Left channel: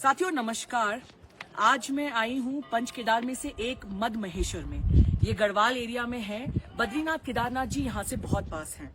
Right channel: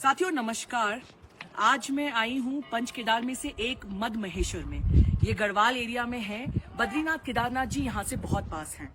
साथियों नमस्कार। आज मैं आई हूँ पंच केदार में से एक मद महेश्वर में। ये गढ़वाल एरिया में है। बद्रीनाथ केदारनाथ जी यहाँ से बहुत पास हैं।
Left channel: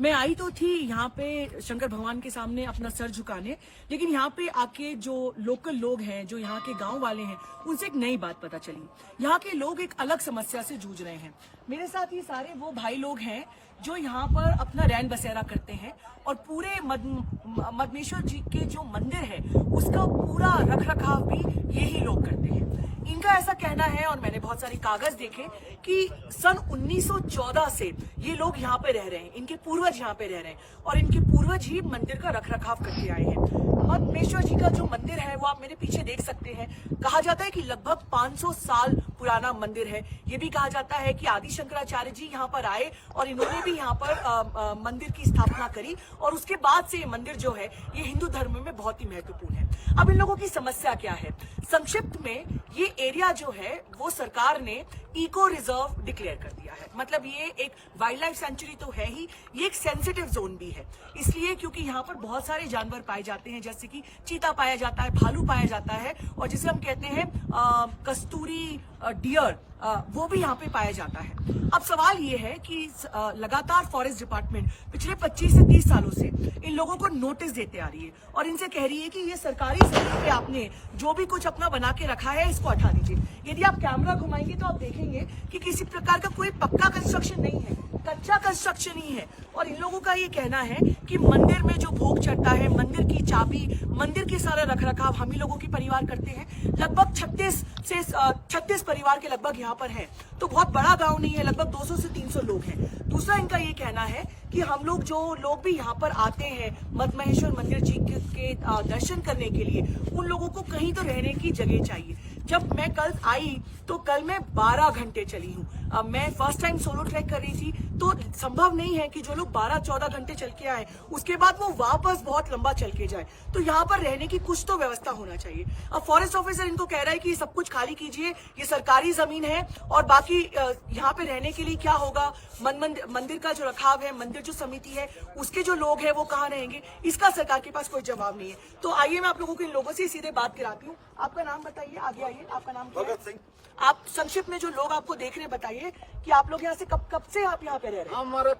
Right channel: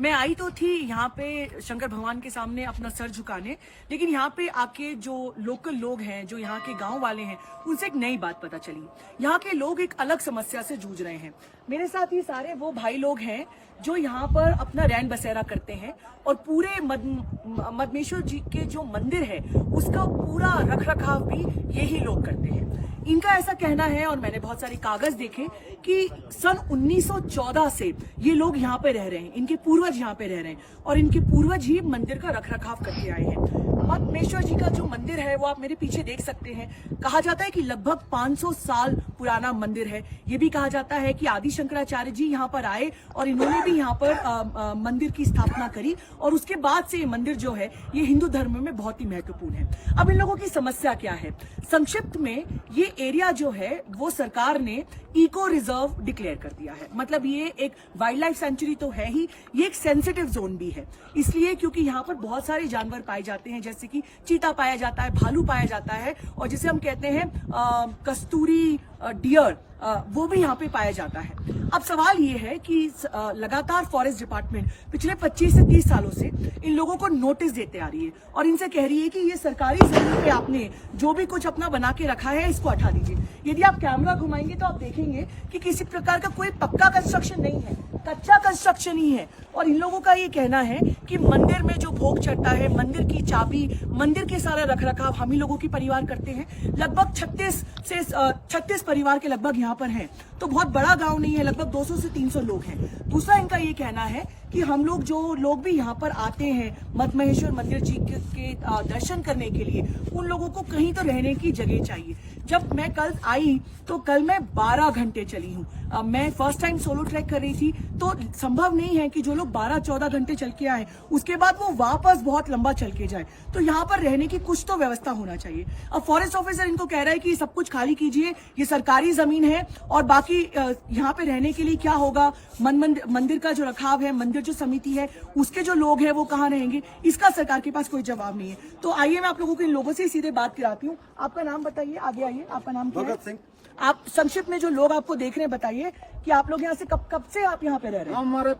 मैं आई तो थी यहाँ पे शंकर भगवान के सामने अपना सर झुकाने, लेकिन यहाँ पे आके जो लोकल लोग हैं, जो यहाँ के गांव वाले हैं, उनसे एक नई बात पता चली। यहाँ के लोग एक अलग समस्या से जूझ रहे हैं। मेरे साथ ये सारे वो भाई लोग हैं जो यहाँ पर अपना रैन बसेरा करते हैं और पूरे मदमेश्वर जी के जो मंदिर है उसका पूरा रख रखाव भी यही लोग करते हैं। इनका ऐसा कहना है, और मैंने बहुत सारे कागज देखे, कि सन 1914 से ये लोग यहाँ पे रह रहे हैं। इनके पूर्वज यहाँ पे रह रहे हैं और इनके पूर्वज ही मंदिर का रख रखाव करते आए हैं। मदमेश्वर जी का जो मंदिर है वो आप मेरे पीछे देख सकते हैं। कहा जाता है कि लगभग 500 साल पुराना मंदिर है। ये भी कहा जाता है कि आदि शंकराचार्य जी यहाँ पर आए और इन्होंने भी यहाँ पर मंदिर की स्थापना करी, और उसके बाद से ये मंदिर जो है ये हिंदू धर्म में बहुत ही महत्वपूर्ण है। अब इन लोगों की समस्या क्या है? संक्षिप्त में, ये एरिया जो है वो सरकार ने इको रिजर्व डिक्लेयर कर दिया है। मतलब ये एक वाइल्ड लाइफ सेंचुरी तो है ही, ये एक सेंसिटिव जोन भी है। इसलिए क्योंकि यहाँ पर बहुत सारे जानवर पाए जाते हैं, जैसे कि चीता पाया जाता है, भालू पाया जाता है, और जिसे हम कहते हैं कस्तूरी डियर, वो भी यहाँ पे पाया जाता है। अब सवाल ये है कि लगातार फॉरेस्ट डिपार्टमेंट पिछले 25 से 30 सालों से इन लोगों को नोटिस देते आ रही है और इनसे कह रही है कि ये सरकारी जमीन पे आपने जो भी कुछ अपना बना के रखा है इसको हटा दीजिए। यदि आप कैमरा घुमाएंगे तो आप देखेंगे कि किसी प्रकार का कोई पक्का कंस्ट्रक्शन नहीं है, कच्चा कंस्ट्रक्शन ही है। और इन लोगों का ये कहना है कि मंदिर में जो भोग चढ़ता है, मंदिर की चाबी, मंदिर के सारा रख रखाव हम ही लोगों की परिवार करते हैं। लगभग 36 परिवार के लगभग यहाँ पर हैं। तो बहुत बड़ा गांव नहीं है, लगभग 200 से 300 लोग हैं। दूसरा इनका ये कहना है कि हम लोग जो लोग भी यहाँ पर आते हैं मदमहेश्वर मंदिर जी के दर्शन करने के लिए, उन लोगों को कहीं तो रहने की जगह चाहिए। जब मैं कल आई तो कल मैं 12 घंटे चली हूँ। मैं फर्स्ट टाइम सोलो ट्रैक कर रही थी, तो संभव नहीं है कि जो लोग 12-14 घंटे चल के आए उसके बाद वो वापस बहुत लंबा चल के जाए। तो यहाँ पर रहने की कुछ तो व्यवस्था होना चाहिए। अब फॉरेस्ट ऑफिसर इनको कह रहा है कि सब कुछ खाली कीजिए, ये सरकारी जमीन है, और बाकी यहाँ पे रहने के लिए क्या होगा, मंदिर का जो रखाव है, मंदिर जो समिति है उसके जो लोग हैं वो कहाँ रहेंगे, इसका सरकार के पास कोई जवाब नहीं है। तो आइए मैं आप लोगों को इन लोगों से सीधे बात कराती हूँ। आपका नाम बताइए, आगे आइए। आपका नाम क्या है? भगत सिंह। आप संक्षिप्त में जो लोग आपको देख रहे हैं बताइए कि आप लोग यहाँ से कब से आप यहाँ पे रह रहे हैं? हमारा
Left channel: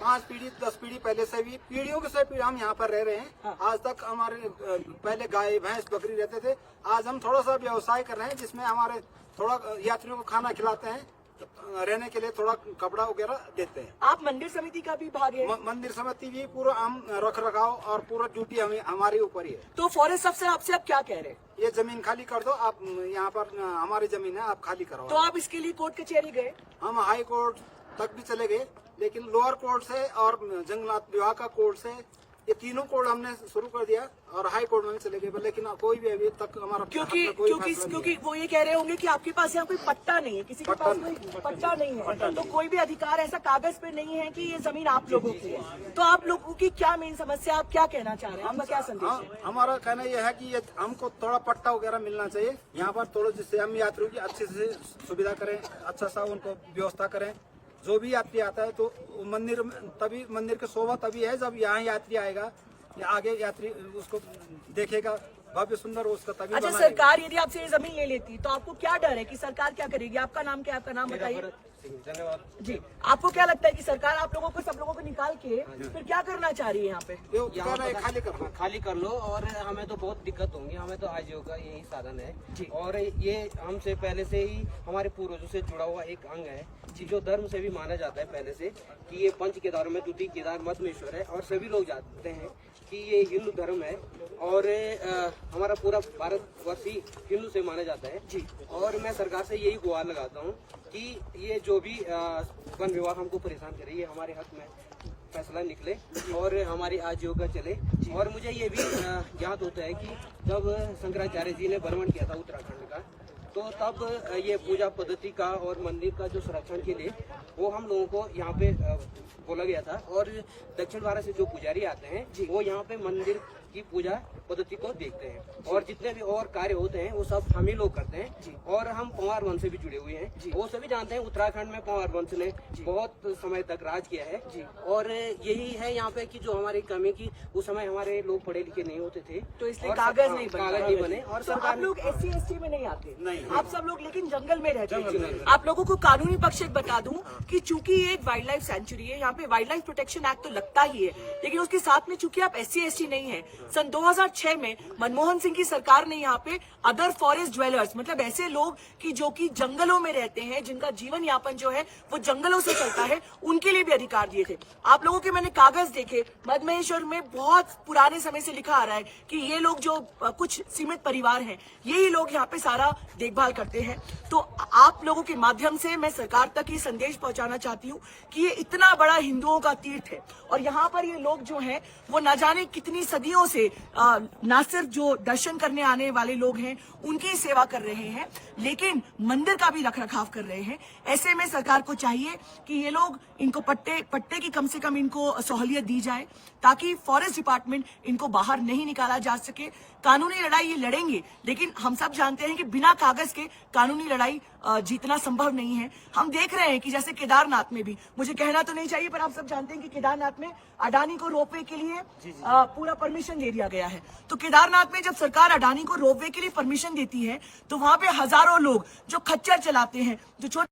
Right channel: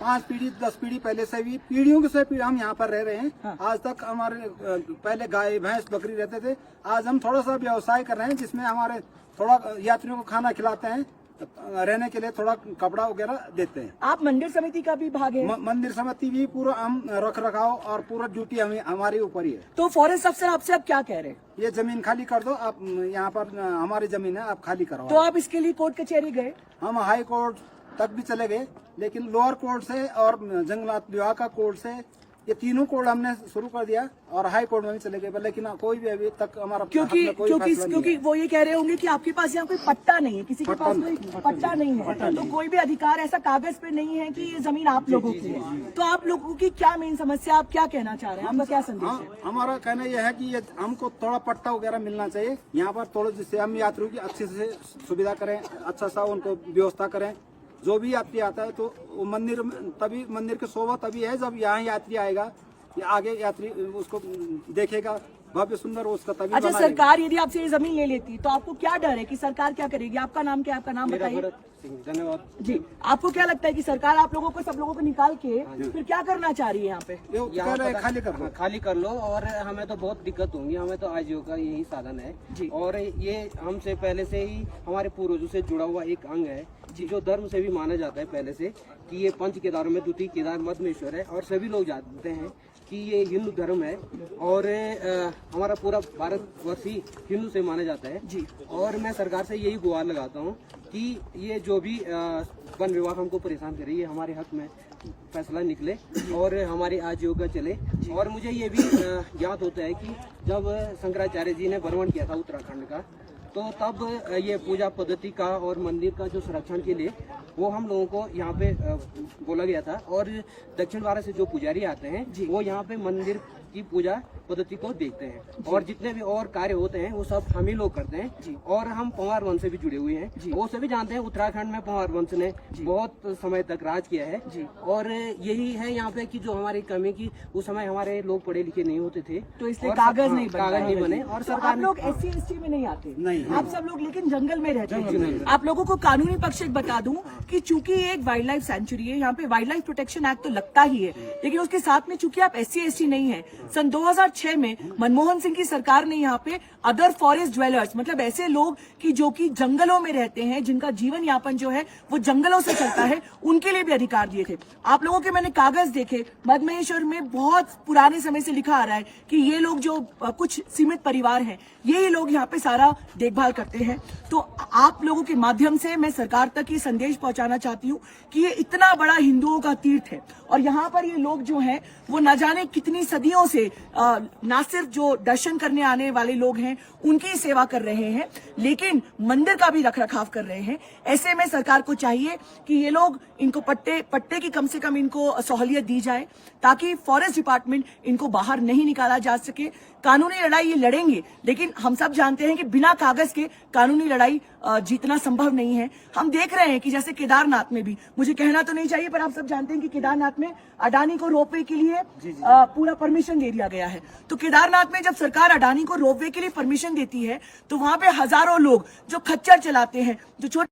5 पीढ़ी 10 पीढ़ी पहले से भी, पीढ़ियों से हम यहाँ पर रह रहे हैं। हाँ। आज तक हमारे पहले गाय भैंस बकरी रहते थे। आज हम थोड़ा सा व्यवसाय कर रहे हैं, जिसमें हमारे थोड़ा यात्रियों को खाना खिलाते हैं, रहने के लिए थोड़ा कपड़ा वगैरह देते हैं। आप मंदिर समिति का भी भाग है? मंदिर समिति भी पूरा हम रख रखाव और पूरा ड्यूटी हमारे ऊपर ही है। तो फॉरेस्ट अफसर आपसे आप क्या कह रहे हैं? ये जमीन खाली कर दो, आप यहाँ पर हमारी जमीन है, आप खाली करवाओ। तो आप इसके लिए कोर्ट कचहरी गए? हम हाई कोर्ट तक भी चले गए, लेकिन लोअर कोर्ट से और जंगलात विभाग का कोर्ट से, ये तीनों कोर्ट हमने शुरू कर दिया और हाई कोर्ट में भी चले गए, लेकिन कोई भी अभी तक हमारा क्योंकि वो ये कह रहे होंगे कि आपके पास यहाँ पे पट्टा नहीं है, किसी के पास कोई पट्टा नहीं है, तो कोई भी अधिकार ऐसा कागज पे नहीं है कि ये जमीन आप लोगों की है। तो आप लोगों की क्या मेन समस्या, आप क्या कहना चाह रहे हैं? आपका क्या संदेश है? हमारा कहना यह है कि ये हमको थोड़ा पट्टा वगैरह मिलना चाहिए यहाँ पर थोड़ा, जिससे हम यात्रियों की अच्छे से सुविधा करें, अच्छा सा उनको व्यवस्था करें। जो भी यात्री आता है तो वो मंदिर की शोभा तभी है जब यहाँ यात्री आएगा, कि आगे यात्री उसको देखेगा भव्य सुंदर, उसका तभी। अच्छा, सरकार यदि आपसे ये जमीन ले लेती तो आपको क्या डर है कि सरकार क्या करेगी? आपका नाम क्या है? आपका नाम बताइए। धन्यवाद जी। आपको क्या लगता है कि सरकार आप लोगों को, सब लोगों को निकाल के फिर क्या करना चाह रही है यहाँ पे? खाली कर लो, और हमें तो बहुत दिक्कत होंगी। हमें तो आजीविका यही साधन है जी। और ये हमसे पहले से ही हमारे पूर्वजों से जुड़ा हुआ एक अंग है, जो धर्म से भी माना जाता है पहले से, कि ये पंच केदार में द्वितीय केदार मदमेश्वर है, और सभी लोग जानते हैं कि ये हिंदू धर्म है और हमारा पूरा भारतवर्ष ही हिंदू से माना जाता है जी। और मैं सरकार से यही गुहार लगाता हूँ कि ये जो भी वन विभाग हमको परेशान करे, ये हमारे हक में फैसला निकले और हमारी आजीविका चले। और मुझे ये भी याद होता है कि जब शंकराचार्य जी ने भ्रमण किया था उत्तराखंड का, तो तब ये पूजा पद्धति का और मंदिर का जो संरक्षण के लिए वो हम लोगों को यहाँ पे बोला गया था। और दक्षिण भारत से जो पुजारी आते हैं वो यहाँ पे मंदिर की पूजा पद्धति को देखते हैं और जितने भी और कार्य होते हैं वो सब हम ही लोग करते हैं और हम पंवार वंश से भी जुड़े हुए हैं। वो सभी जानते हैं उत्तराखंड में पंवार वंश ने बहुत समय तक राज किया है और यही है यहाँ पे कि जो हमारी कमी की उस समय हमारे लोग पढ़े लिखे नहीं होते थे तो इसलिए और कागज नहीं बने और तो सरकार आप लोग SC/ST में नहीं आते, नहीं। आप सब लोग लेकिन जंगल में रहते हैं। आप लोगों को कानूनी पक्ष एक बता दूं कि चूंकि ये एक वाइल्ड लाइफ सेंचुरी है, यहाँ पे वाइल्ड लाइफ प्रोटेक्शन एक्ट तो लगता ही है, लेकिन उसके साथ में चूंकि आप SC/ST नहीं है, सन 2006 में मनमोहन सिंह की सरकार ने यहाँ पे अदर फॉरेस्ट ड्वेलर्स मतलब ऐसे लोग कि जो कि जंगलों में रहते हैं, जिनका जीवन यापन जो है वो जंगलों से चलता है, उनके लिए भी अधिकार दिए थे। आप लोगों के मैंने कागज देखे, मधमहेश्वर में बहुत पुराने समय से लिखा आ रहा है कि ये लोग जो कुछ सीमित परिवार हैं, ये लोग यहाँ पे सारा देखभाल करते हैं। तो आप लोगों के माध्यम से मैं सरकार तक ये संदेश पहुंचाना चाहती हूँ कि ये इतना बड़ा हिंदुओं का तीर्थ है और यहाँ पर ये लोग जो हैं वो न जाने कितनी सदियों से ना सिर्फ जो दर्शन करने आने वाले लोग हैं उनकी सेवा कर रहे हैं, लेकिन मंदिर का भी रखरखाव कर रहे हैं। ऐसे में सरकार को चाहिए कि ये लोग इनको पट्टे की कम से कम इनको सहूलियत दी जाए ताकि फॉरेस्ट डिपार्टमेंट इनको बाहर नहीं निकाला जा सके। कानूनी लड़ाई ये लड़ेंगे, लेकिन हम सब जानते हैं कि बिना कागज के कानूनी लड़ाई जीतना संभव नहीं है। हम देख रहे हैं कि जैसे केदारनाथ में भी, मुझे कहना तो नहीं चाहिए पर आप सब जानते हैं कि केदारनाथ में अडानी को रोपवे के लिए पूरा परमिशन दे दिया गया है। तो केदारनाथ में जब सरकार अडानी को रोपवे के लिए परमिशन देती है तो वहां पे हजारों लोग जो खच्चर चलाते हैं, जो छोटे